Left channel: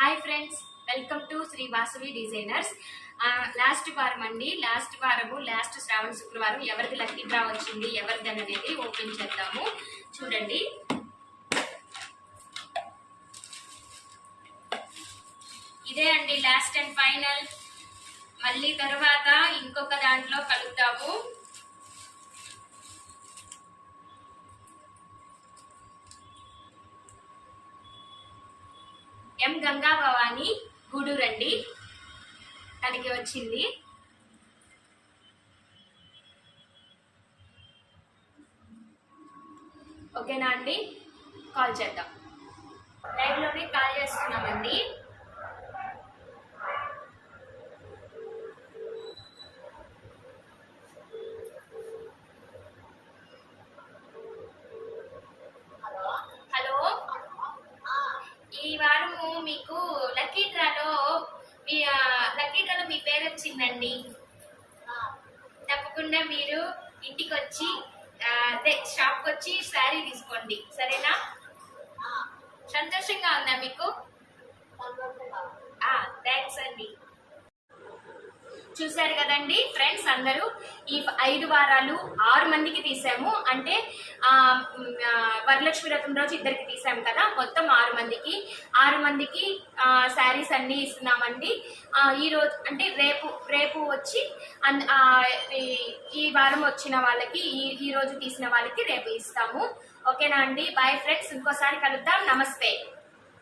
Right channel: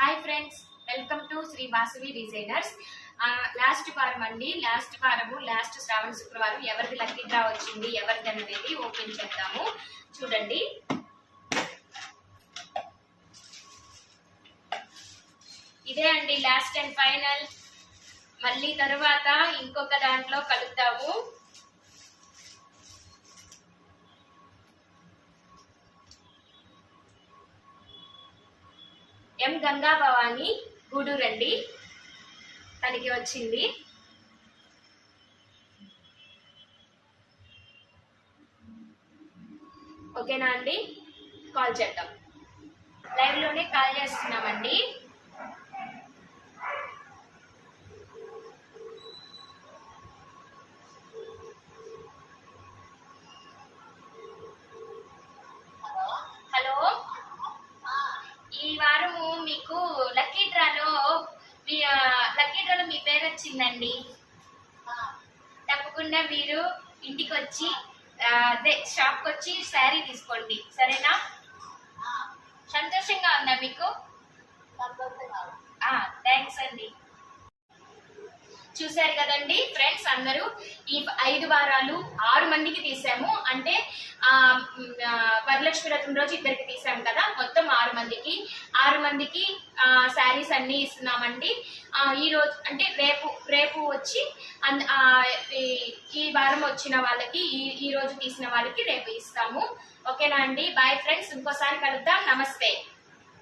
Hi friends, welcome to Sri Vasavi designers. Last వారం అండి, last శ్రావణ శుక్రవారం ఎవరిది లక్కీ డ్రా వచ్చింది, ఎవరిది అనేది ఓపెన్ చేద్దాము. చూడండి, ఇదే అండి లాస్ట్ అండ్ ఫైనల్. మళ్ళీ తర్వాత ఇంకొక దాంట్లో కలుద్దాము. ఎం గంగా భవాని గూడూరు అండి, తనకి వచ్చింది. ఓకేనా అండి, కాల్ చేద్దాం. లైవ్ లోనే కాల్ చేస్తున్నామండి. హలో, ఈ వారము మీకు లక్కీ డ్రాలో మీ పేరు వచ్చిందండి. తప్పకుండా మీరు ఇంటికి వచ్చి అదే షాప్కి వచ్చి శారీ తీసుకోండి, సరేనా? సంతోషంగా ఉందా మీకు? థ్యాంక్స్ అండి. చూశారు కదండి ఫ్రెండ్స్, అందరూ ఈ 5 వారాలు 6 మందికి తీసాము. అంటే వరలక్ష్మి వ్రతం రోజు 2కి తీసాము కదా, మొత్తం 6 మందికి శారీస్ అన్ని ఇస్తున్నామండి. ఈ రోజు అంటే రేపు వచ్చి ఈ వారం వచ్చిన వాళ్ళకి, ఈ రోజు తీసిన వాళ్ళకి రేపు ఇస్తాము. ఓకేనా అండి? బాయ్ ఫ్రెండ్స్, ఇంకోసారి కలుద్దాం. నమస్తే.